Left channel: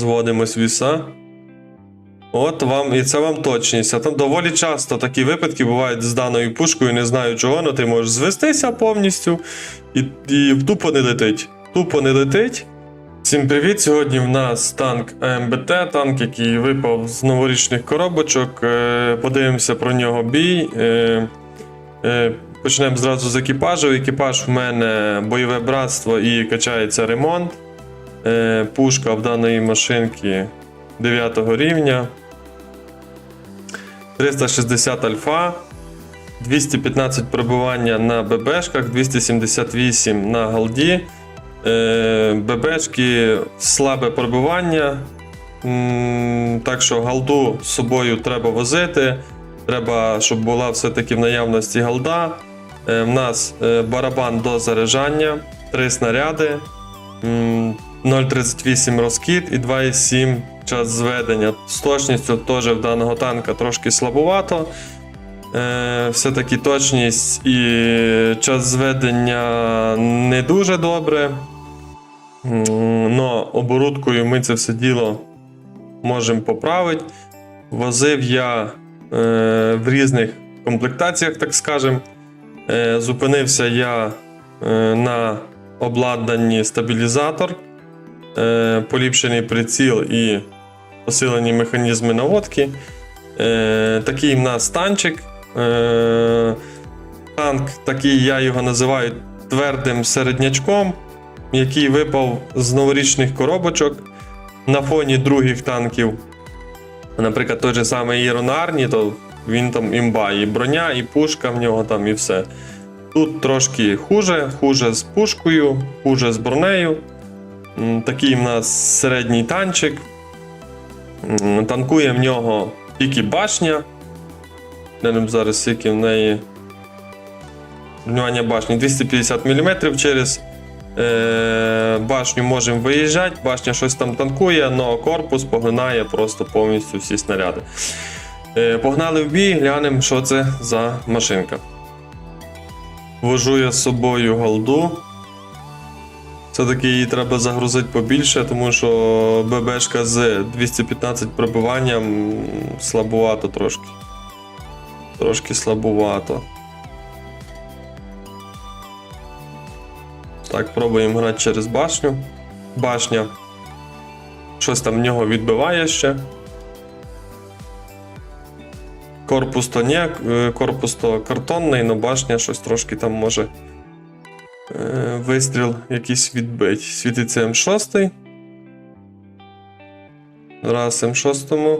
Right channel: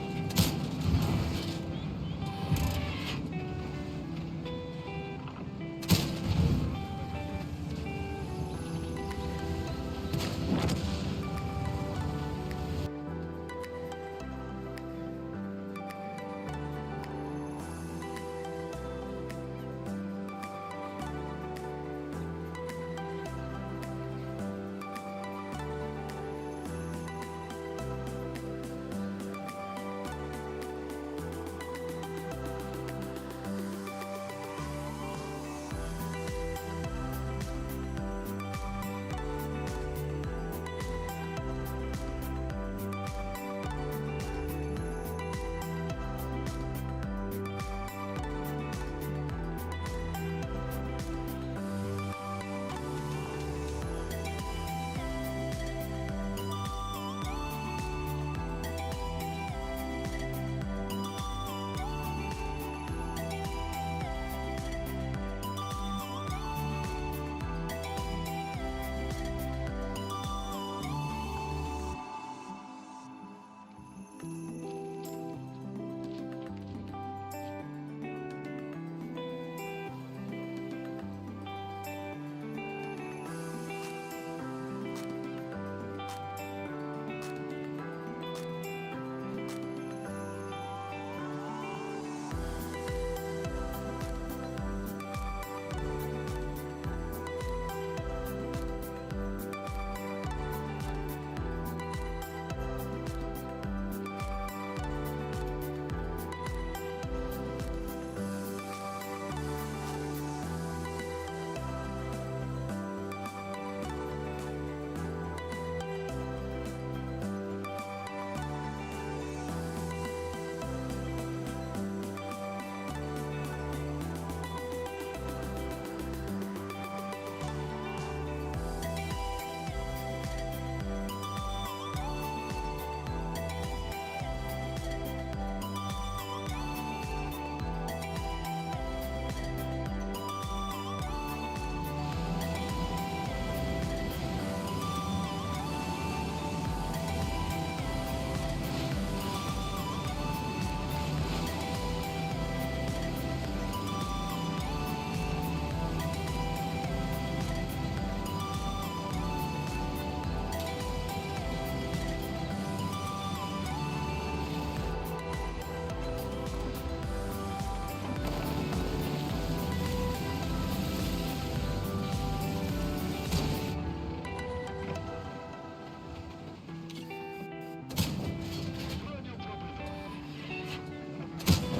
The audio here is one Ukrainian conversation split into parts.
Зводимось в віса. От вам, і це вам точність. А там доволі часто такі випадки бувають з даною пушкою, не знаю чого, але ти можеш звестися повністю і, і тупо не летить. Тупо не летить. Всім привіт! Сьогодні в нас танк АМБТ, танк, який випав з новорічних коробочок. Е, Подивимося про нього бій. Е, е, Почнемо зразу з екіпажу. Екіпаж в мене бойове братство і качається ремонт. Е, Пушка в даної машинки 9 рівня. 360 альфа. 215 пробивання на ББшках, 278 на голді. Е, ББшки слабе пробивання. Так що галду з собою треба возити. Треба, щоб була все-таки в наявності галда. Е, В нас е, барабан до заряджання, 3 снаряди, 0,38 розкид і 2,7 час зведення. З точністю теж в даного танка трошки слабовато. Е, Все-таки точність і час зведення не дуже добре. Но оборудкою ми це все діло можемо поправити. Возив я е, в різних комплектаціях, так скажемо. Е, зупинився я на обладнанні стабілізатор, е, поліпшений приціл і посилені механізми наводки. Е, такий в нас танчик. Е, танк, такий я його називаю твердим середнячком, який випав з новорічних коробочок на фоні других танків. Наприклад, той же самий Ірон Арні, то він там імба, і броня, і пушка в нього там, і все. Тут трошки хуже, хуже з пушкою, хуже з бронею. Такий в нас середній танчик. Танкує в нього тільки башня. Глянемо зараз, скільки в неї. Внимання башні 250 мм через е, башню можемо виїжджати. Башня щось там танкує, але корпус поглинає просто повністю всі снаряди. Е, погнали в бій, глянемо, що це за машинка. Вожу я з собою голду. Все-таки її треба загрузити побільше, тому що ББшка з 215 пробиванням слабувато трошки. Трошки слабувато. Так, пробуємо грати через башню. Башня. Щось там в нього відбиває ще. Корпус то ні, е, корпус то картонний, але башня щось трошки там може е, вистріл якийсь відбить. Світиться М6. Раз М6.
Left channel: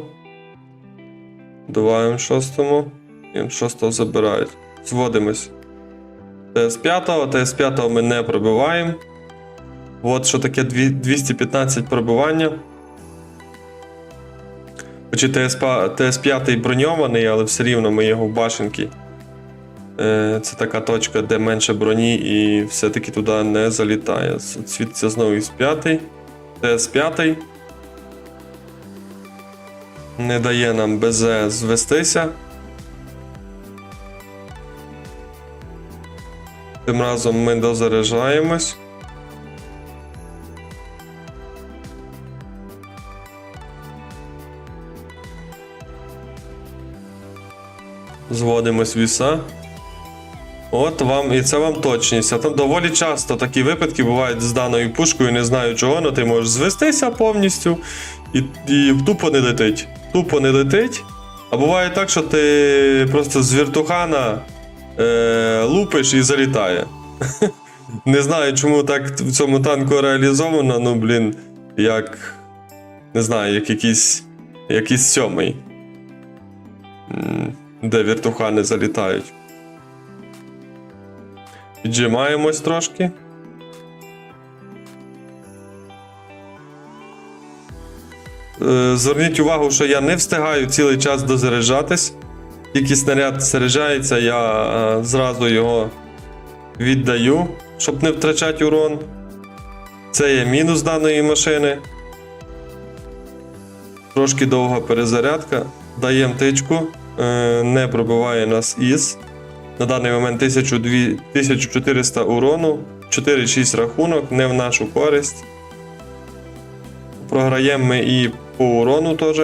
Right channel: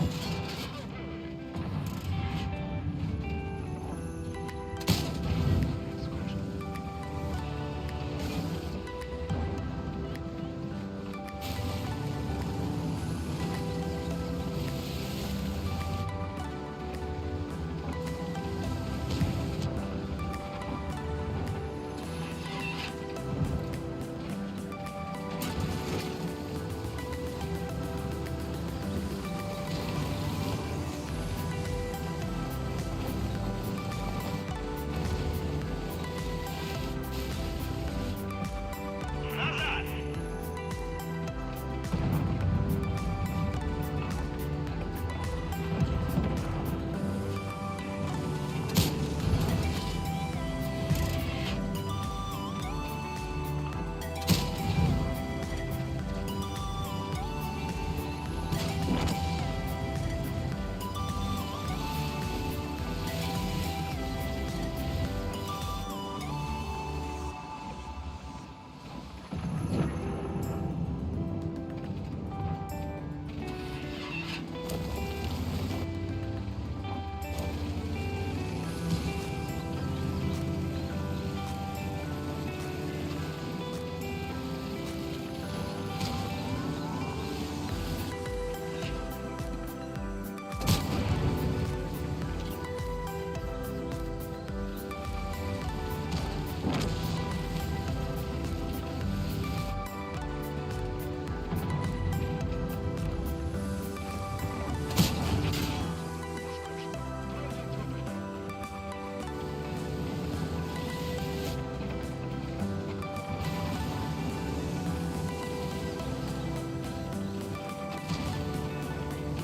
Два М6. І М6 забирають. Зводимось. ТС5, ТС5 ми не пробиваємо. От що таке 215 пробивання. Хоч і ТС5, ТС5 броньований, але все рівно ми його в башенки. Е, Це така точка, де менше броні і все-таки туди не залітає. Світиться знову із 5. ТС5. Не дає нам БЗ звестися. Тим разом ми дозаряджаємось. Зводимось в віса. От вам, і це вам точність. А там доволі часто такі випадки бувають з даною пушкою, не знаю чого, але ти можеш звестися повністю і, і тупо не летить. Тупо не летить. А буває так, що ти просто з віртухана е, лупиш і залітає. Не знаю, чому так в цьому танку реалізовано, ну блін, як. Не знаю, як якийсь. якийсь сьомий. Де віртухани залітають. Піджимаємось трошки. Е, Зверніть увагу, що я не встигаю цілий час дозаряджатись. Тільки снаряд заряджається, я е, зразу його віддаю, щоб не втрачати урон. Це є мінус даної машини. Трошки довга перезарядка. Даємо тичку, Е, не пробиває нас із. На даний момент 1400 урону, 4-6 рахунок, не в нашу користь. Програємо ми і по урону теж.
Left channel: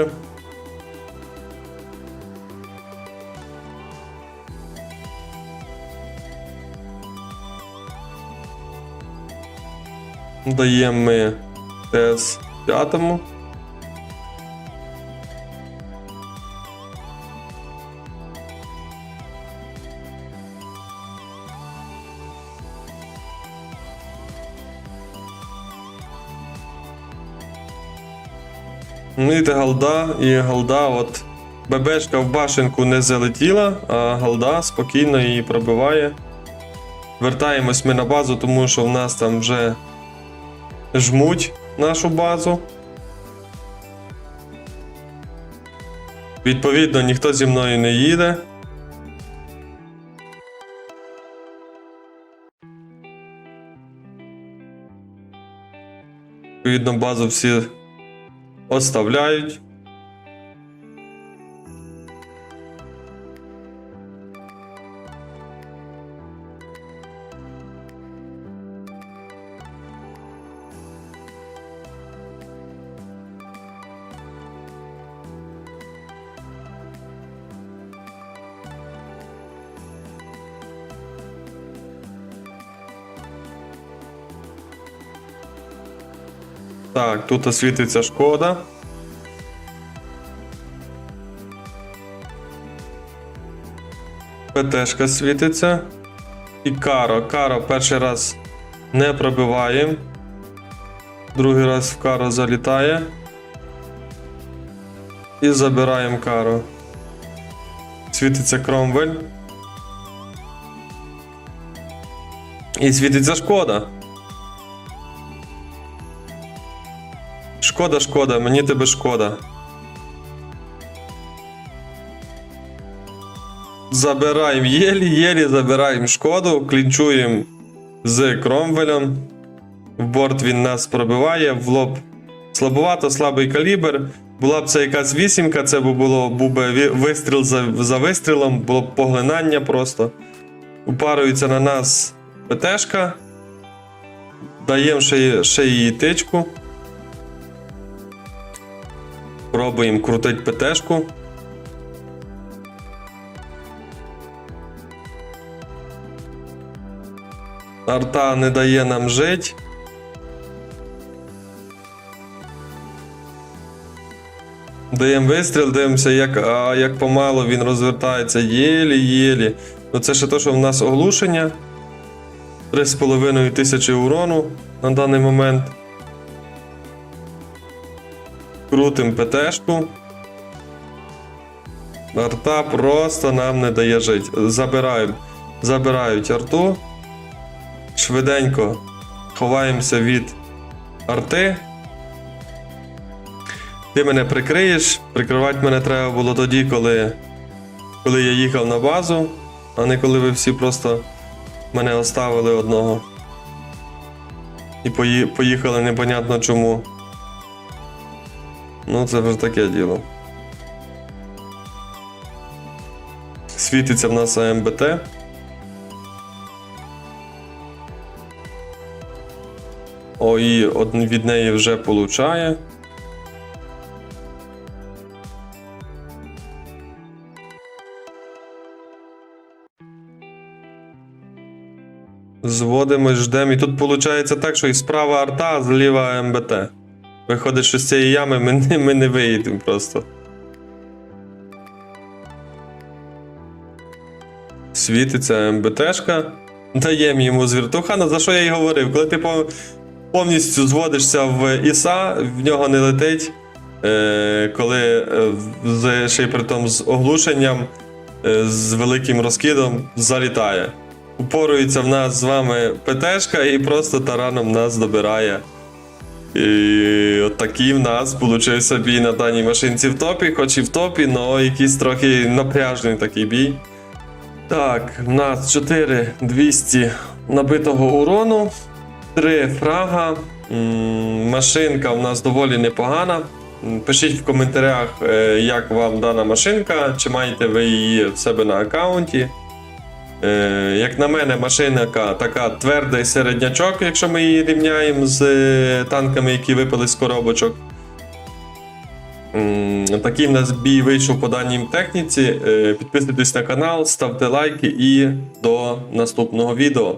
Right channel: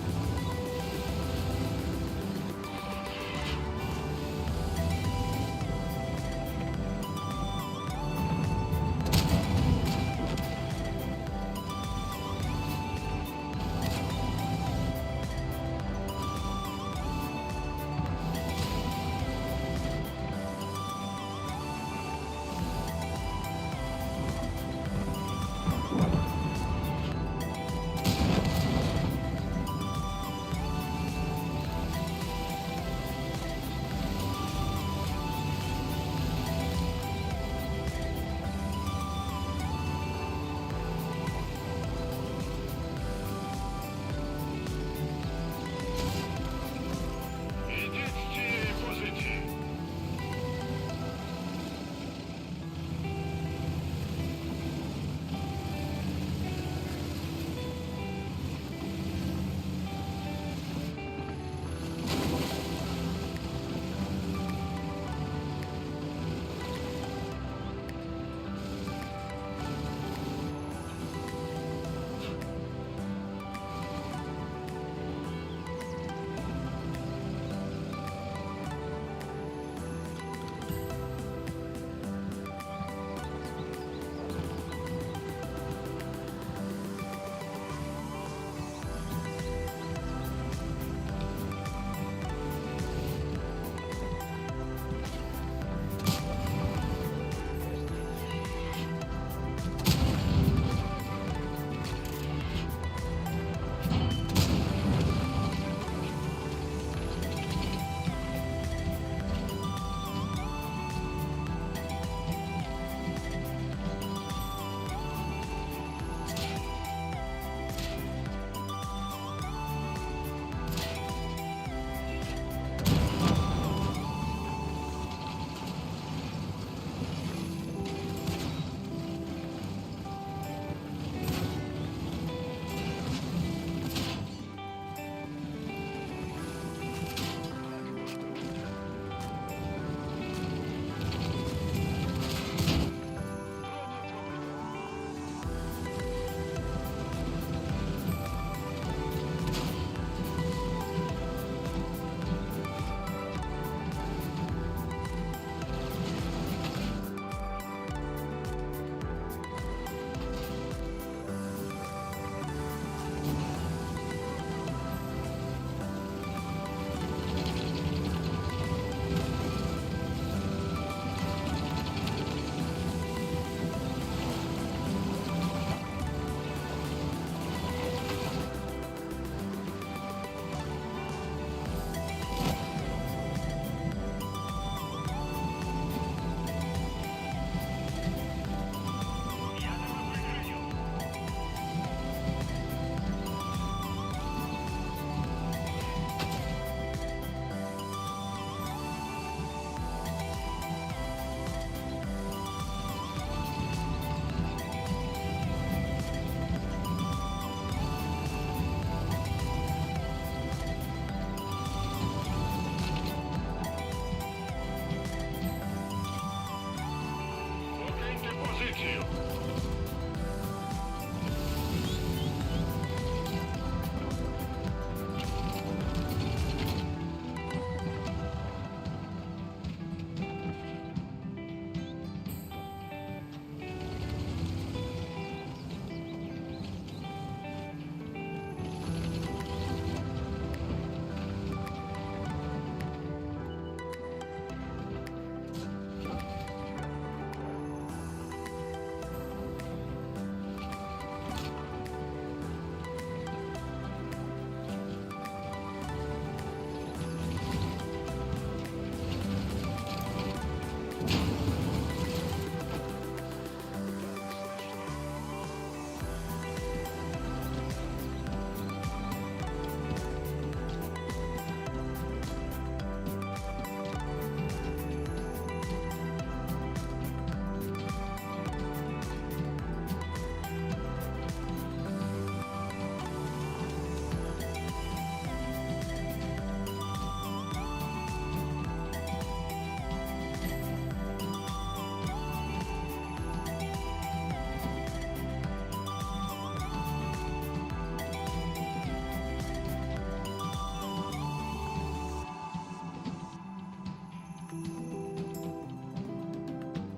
Даємо ми ТС 5. Іде голда, і голда, от ББшка в башенку не залетіла, а Галда спокійно її пробиває. Вертаємось ми на базу, тому що в нас там вже жмуть нашу базу. Відповідно, ніхто зі мною не їде. Відповідно, базу всі оставляють. Так, тут освітиться шкода. ПТшка світиться. І каро. Каро перший раз не пробиваємо. Другий раз в каро залітає. І забираємо каро. Світиться кромвель. І світиться шкода. Шкода, шкода, мені тебе шкода. Забираємо єлі-єлі, забираємо шкоду, клінчуємо з Кромвелем. В борт він нас пробиває, в лоб слабовато, слабий калібр. Була б це якась вісімка, це б було був би вистріл за, за вистрілом, було б поглинання просто. Упарується на нас ПТшка. Даємо ще, ще її тичку. Пробуємо крутити ПТшку. Арта не дає нам жити. Даємо вистріл, дивимося, як, а, як помало він розвертається. Єлі-єлі. Ну це ще те, що в нас оглушення. 3,5 тисячі урону на даний момент. Крутим ПТшку. Арта просто нам не дає жити. Забирають, забирають арту. Швиденько ховаємося від арти. Ти мене прикриєш. Прикривати мене треба було тоді, коли, коли я їхав на базу, а не коли ви всі просто мене оставили одного. І поїхали непонятно чому. Ну, це вже таке діло. Світиться в нас АМБТ. О, і від неї вже получає. Зводимось, ждемо. І тут виходить так, що і справа арта, а зліва МБТ. Виходить, що з цієї ями ми не, ми не виїдемо просто. Світиться МБТшка. Даємо йому з віртухана, за що я й говорив. Коли ти повністю зводишся в ІСА, в нього не летить. Е, коли е, ще й при тому з оглушенням, е, з великим розкидом залітає. Упорується в нас з вами ПТшка і просто тараном нас добирає. І от такий в нас получився бій на даній машинці в топі, хоч і в топі, але якийсь трохи напряжний такий бій. Так, в нас 4200 набитого урону, 3 фрага. Машинка в нас доволі непогана. Пишіть в коментарях, е, як вам дана машинка, чи маєте ви її в себе на аккаунті. Е, як на мене, машина така твердий середнячок, якщо ми її рівняємо з е, танками, які випали з коробочок. Такий в нас бій вийшов по даній техніці. Е, Підписуйтесь на канал, ставте лайки і до наступного відео.